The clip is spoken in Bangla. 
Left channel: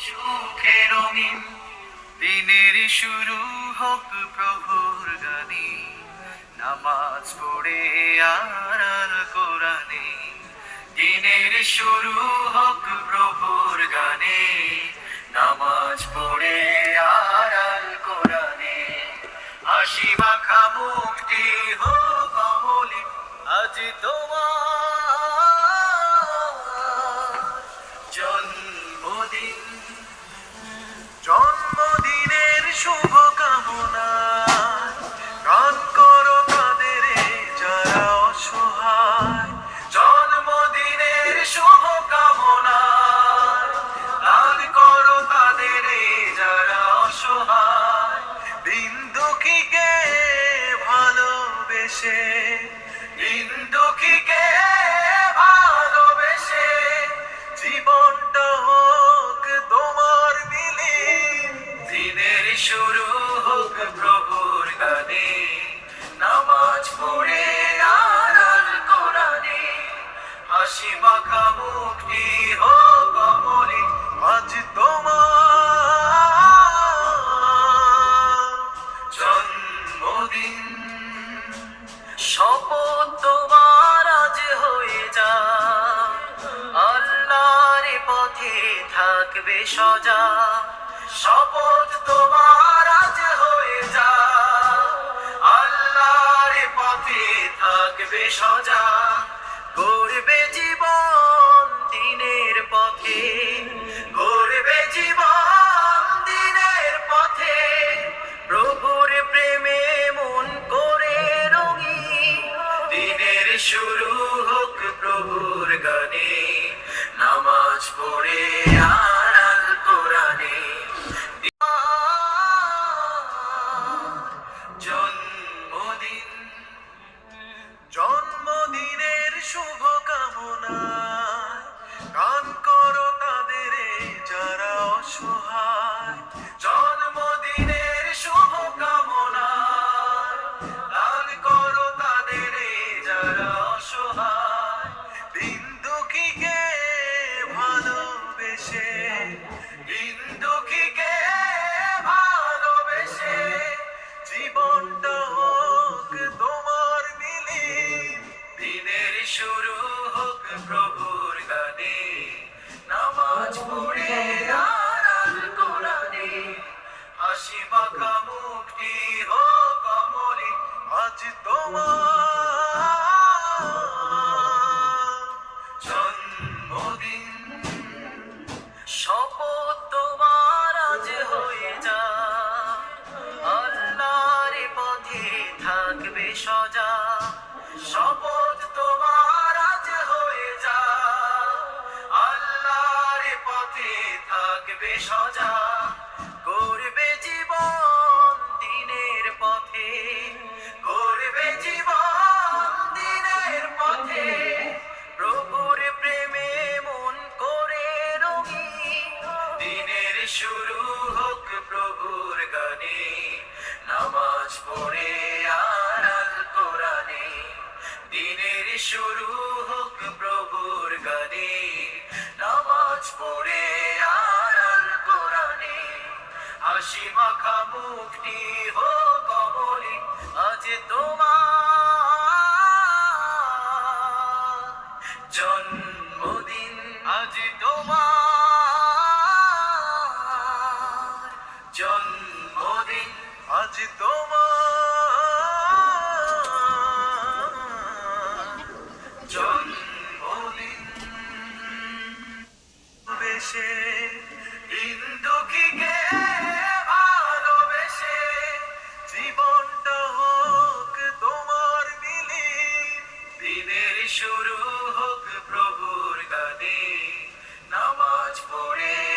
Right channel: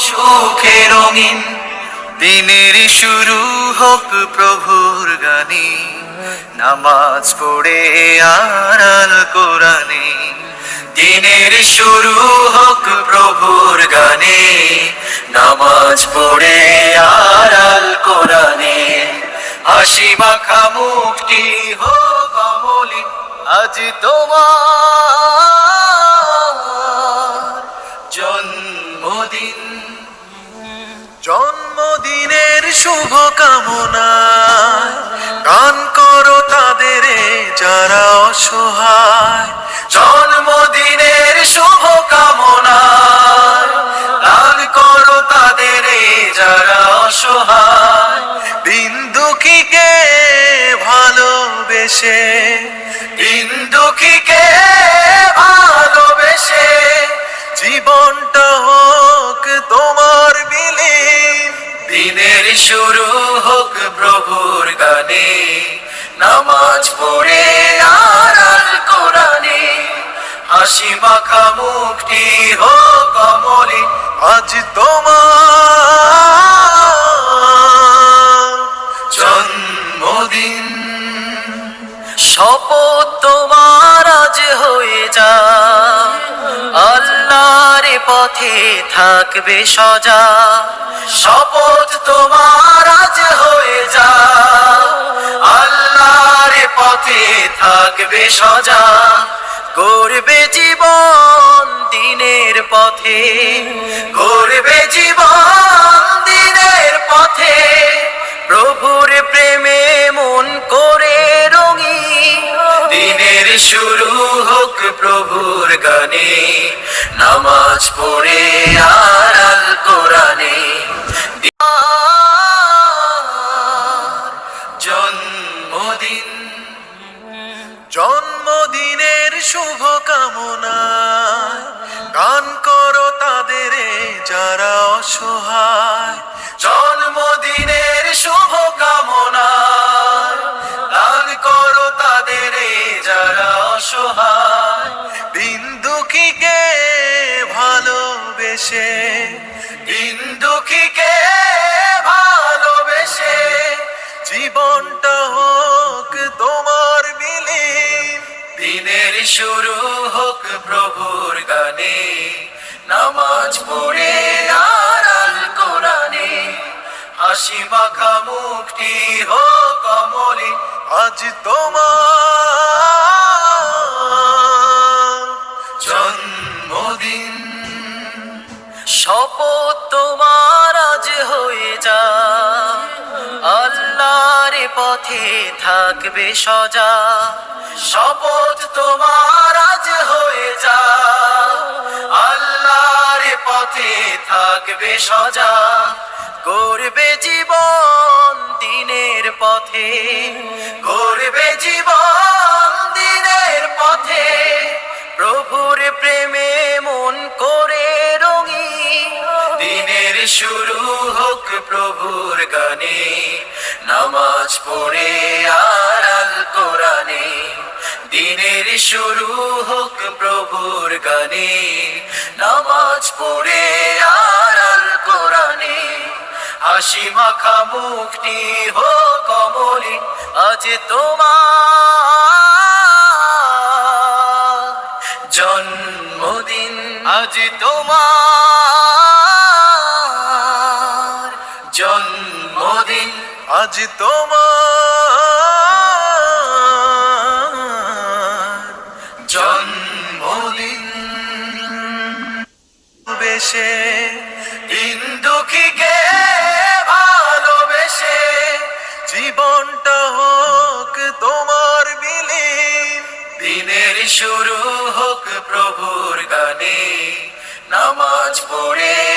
সুখে রঙিন। দিনের শুরু হোক প্রভুর গানে। নামাজ পড়ে আর আল কোরআনে। দিনের শুরু হোক প্রভুর গানে। নামাজ পড়ে আর আল কোরআনে। হাসি মাখা মুখটি হোক অমলিন। আজ তোমার শুভ কামনা গান করো তাদের যারা অসহায়। জন্মদিনের শুভ কামনা গান করো তাদের যারা অসহায়। দিন দুঃখীকে ভালোবেসে, দিন দুঃখীকে ভালোবেসে, জীবনটা হোক তোমার দিনের শুরু হোক প্রভুর গানে, নামাজ পড়ে আর আল কোরআনে, হাসি মাখা মুখটি হোক কমলে আজ তোমার জন্মদিন, শপথ তোমার আজ হয়ে যা আল্লাহর পথে থাকবে সজা। শপথ তোমার আজ হয়ে যা আল্লাহর পথে থাকবে সজা। করবে জীবন দিনের পথে। করবে জীবন দিনের পথে। প্রভুর প্রেমে মন করে রঙি দিনের শুরু হোক প্রভুর গানে। নামাজ পড়ে আর শুভ কামনা গান করো তাদের যারা অসহায়। জন্মদিনের শুভ কামনা গান করো তাদের যারা অসহায়। দিন দুঃখীকে ভালোবেসে হোক প্রভুর গানে। নামাজ পড়ে আর আল কোরআনে। হাসি মাখা মুখটি হোক কমলে আজ তোমার জন্মদিন। শপথ তোমার আজ হয়ে যা আল্লাহর পথে থাকবে সজা। শপথ তোমার আজ আল্লাহর পথে থাকবে সজা। করবে জীবন দিনের পথে। করবে জীবন দিনের পথে। প্রভুর প্রেমে মন করে রঙি দিনের শুরু হোক প্রভুর গানে। নামাজ পড়ে আর আল কোরআনে। দিনের শুরু হোক প্রভুর গানে, নামাজ পড়ে আর আল কোরআনে, হাসি মাখা মুখটি হোক কমলে আজ তোমার জন্মদিন, আজ তোমার জন্মদিন, আজ তোমার বেশে ইন্দুকিকে ভালোবেসে জীবনটা হোক তোমার বিলীন দিনের শুরু হোক প্রভুর গানে নামাজ পড়ে